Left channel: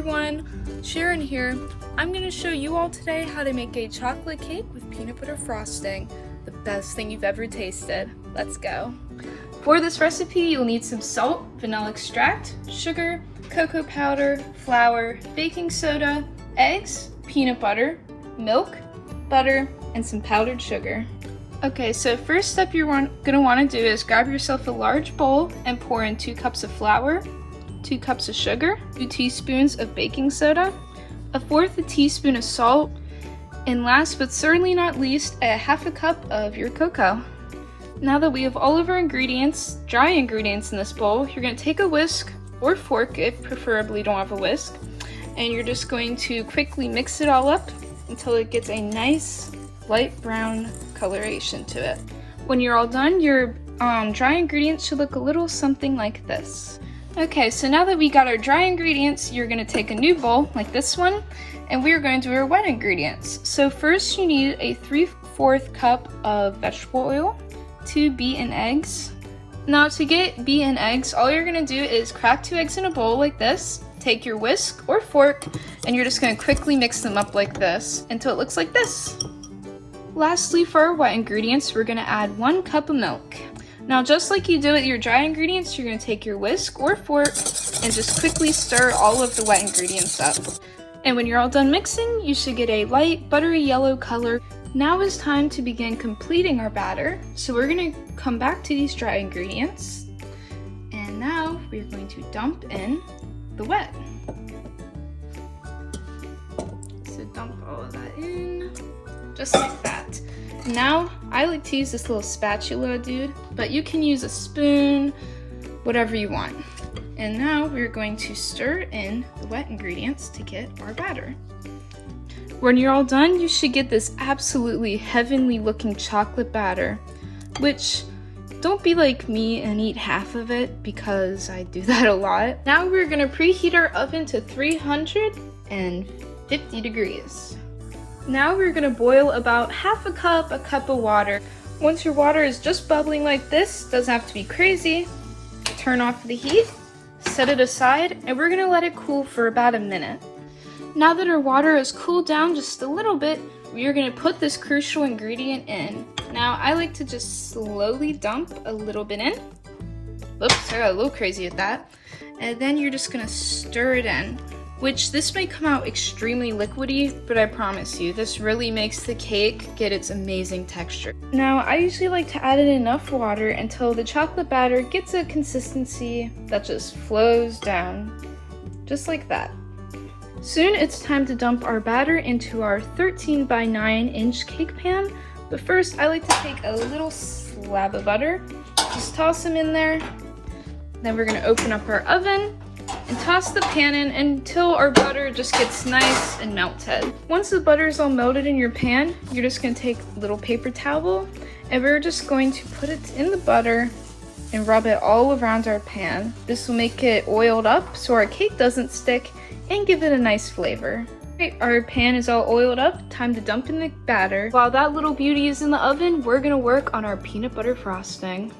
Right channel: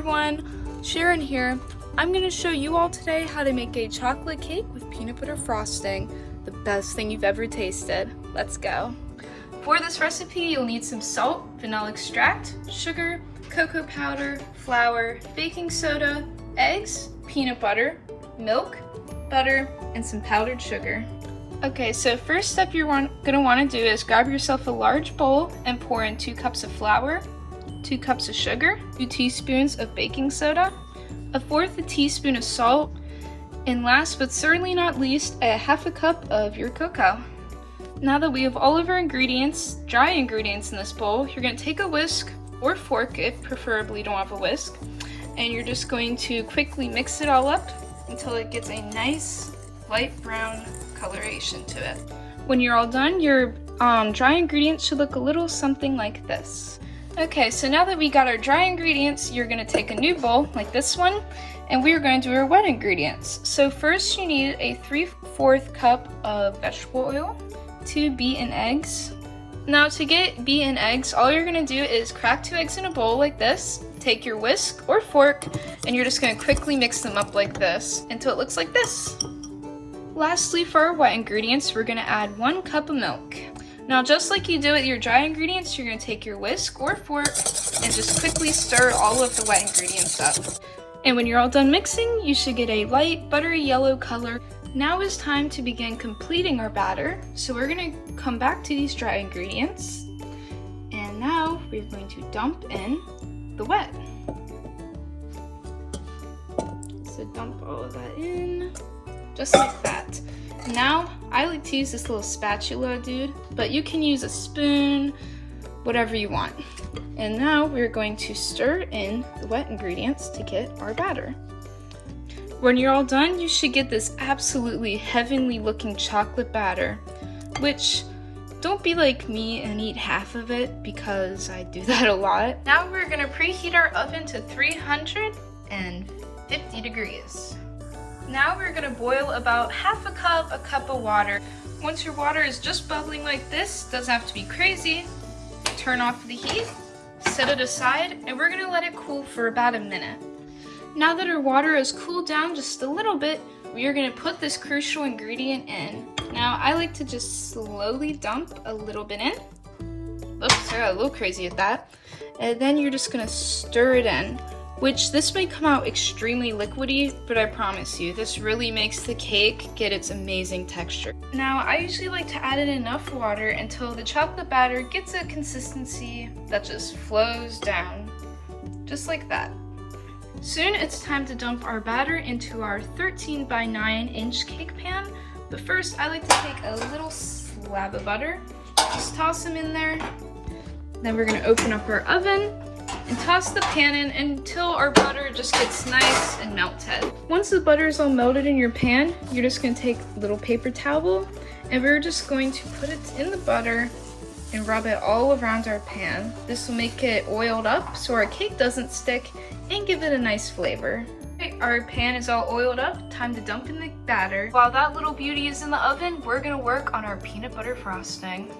everyone, Sharon here. I'm going to show you all today how to make a chocolate cake with peanut butter frosting, the best thing you've ever tasted. Let's go. For this recipe, you'll need some salt, vanilla extract, sugar, cocoa powder, flour, baking soda, eggs, peanut butter, milk, butter, and some powdered sugar. Okay, so first step you're going to want to do is grab yourself a large bowl and pour in 2 cups of flour, 2 cups of sugar, 2 teaspoons of baking soda, 1/4 teaspoon of salt, and last but certainly not least, a 1/2 cup of your cocoa. Now that we have all of our ingredients, dry ingredients in this bowl, you're going to take a whisk or fork if preferably you don't have a whisk, and you're just going to quickly mix it all up until it gets a nice light brown coloration to it. When you're all done, your dry ingredients should look a little something like this. Okay, so now that we got our dry ingredients, you're going to take a new bowl like this one, and we're going to do our wet ingredients. So first you need a 3/4 cup of vegetable oil, 2 beaten eggs. Now to get beaten eggs, all you're going to do is crack 2 eggs in a bowl like this, take your whisk or fork, and you're just going to quickly mix them up like this until it looks like this. Lastly, for our wet ingredients, we're going to add 1 cup of milk. Now, just like you do with your dry ingredients, you're going to take your whisk or fork and just quickly stir all of the wet ingredients up. And when you're all done mixing, you should get a light buttery yellow color. Now is time to begin completing our batter. So we're going to come back to these dry ingredients. And now we're going to dump in the wet. So dump all of that in, just like that. Now, I like to use this little spatula dude, but you can use a spoon, whatever you want. And now we're going to stir in the wet ingredients to get our batter. When you're all done, you should get this absolutely heavenly looking chocolate batter, which don't be like me and eat half of it because I do that a lot. Now we're gonna preheat our oven to 350 degrees. Now we're going to boil about 1/2 cup, a cup of water. Once your water is just bubbling like this, doesn't have to be crazy, turn off the heat, set it aside, and we're going to let it cool for about a minute. Now that our water has cooled down just a little bit, we are going to put this crucial ingredient in. Now I like to just slowly dump a little bit in. Oops, I got a little crazy with that. And then you're just going to stir it in. Which this may come out extremely liquidy, but I promise you, this really makes the cake get its amazing texture. Now, I usually like to add in enough water until the chocolate batter gets a consistency that just flows down, just like that. Soon it's time to dump our batter into our 13 by 9 inch cake pan, but first I like to take a little slab of butter, just toss them in there. Then we're gonna open up our oven and toss the pan in until our butter just gets nice and melted. Once the butter is all melted in your pan, you're just going to take a little paper towel and we're just going to put it in the butter and rub it all around our pan. This will make it oiled up so our cake doesn't stick and give it a nice flavor. Alright, our pan is all oiled up, time to dump in the batter. While that little beauty is in the oven, we're going to work on our peanut butter frosting.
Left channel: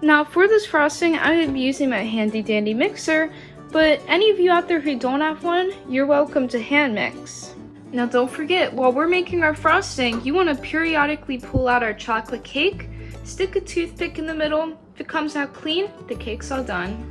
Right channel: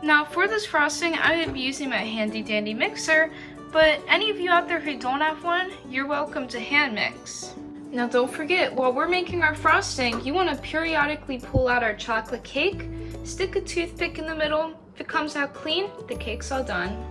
Now for this frosting, I'm going to be using my handy dandy mixer, but any of you out there who don't have one, you're welcome to hand mix. Now don't forget, while we're making our frosting, you want to periodically pull out our chocolate cake, stick a toothpick in the middle. If it comes out clean, the cake's all done.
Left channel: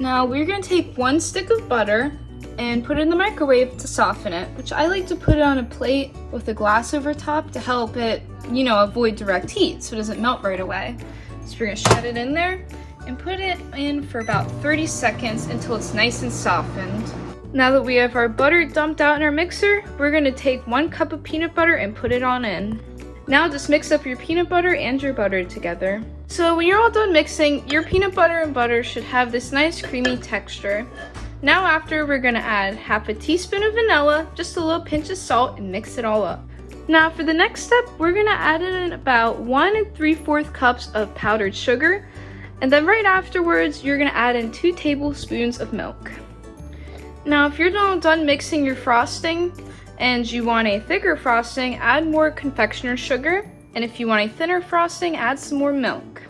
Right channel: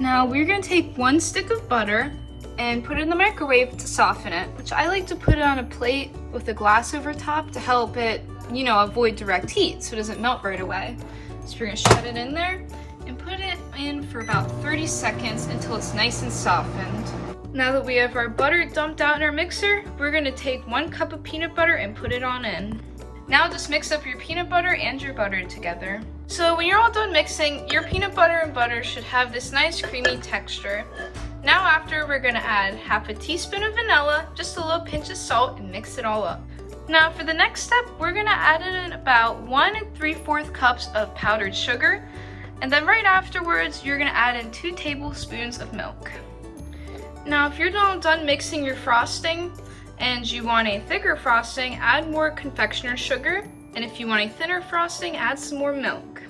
Now we're going to take 1 stick of butter and put it in the microwave to soften it, which I like to put it on a plate with a glass over top to help it, avoid direct heat so it doesn't melt right away. So we're going to shut it in there and put it in for about 30 seconds until it's nice and softened. Now that we have our butter dumped out in our mixer, we're going to take 1 cup of peanut butter and put it on in. Now just mix up your peanut butter and your butter together. So when you're all done mixing, your peanut butter and butter should have this nice creamy texture. Now after, we're going to add 1/2 teaspoon of vanilla, just a little pinch of salt, and mix it all up. Now for the next step, we're going to add in about 1 3/4 cups of powdered sugar. And then right afterwards, you're gonna add in 2 tablespoons of milk. Now, if you're done mixing your frosting and you want a thicker frosting, add more confectioner sugar. And if you want a thinner frosting, add some more milk.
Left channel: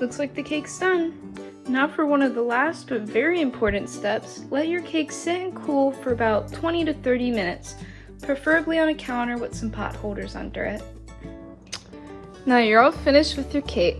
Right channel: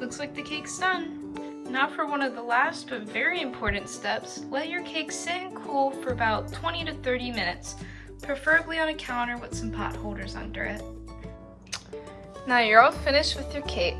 Looks like the cake's done. Now for one of the last but very important steps, let your cake sit and cool for about 20 to 30 minutes, preferably on a counter with some pot holders under it. Now you're all finished with your cake.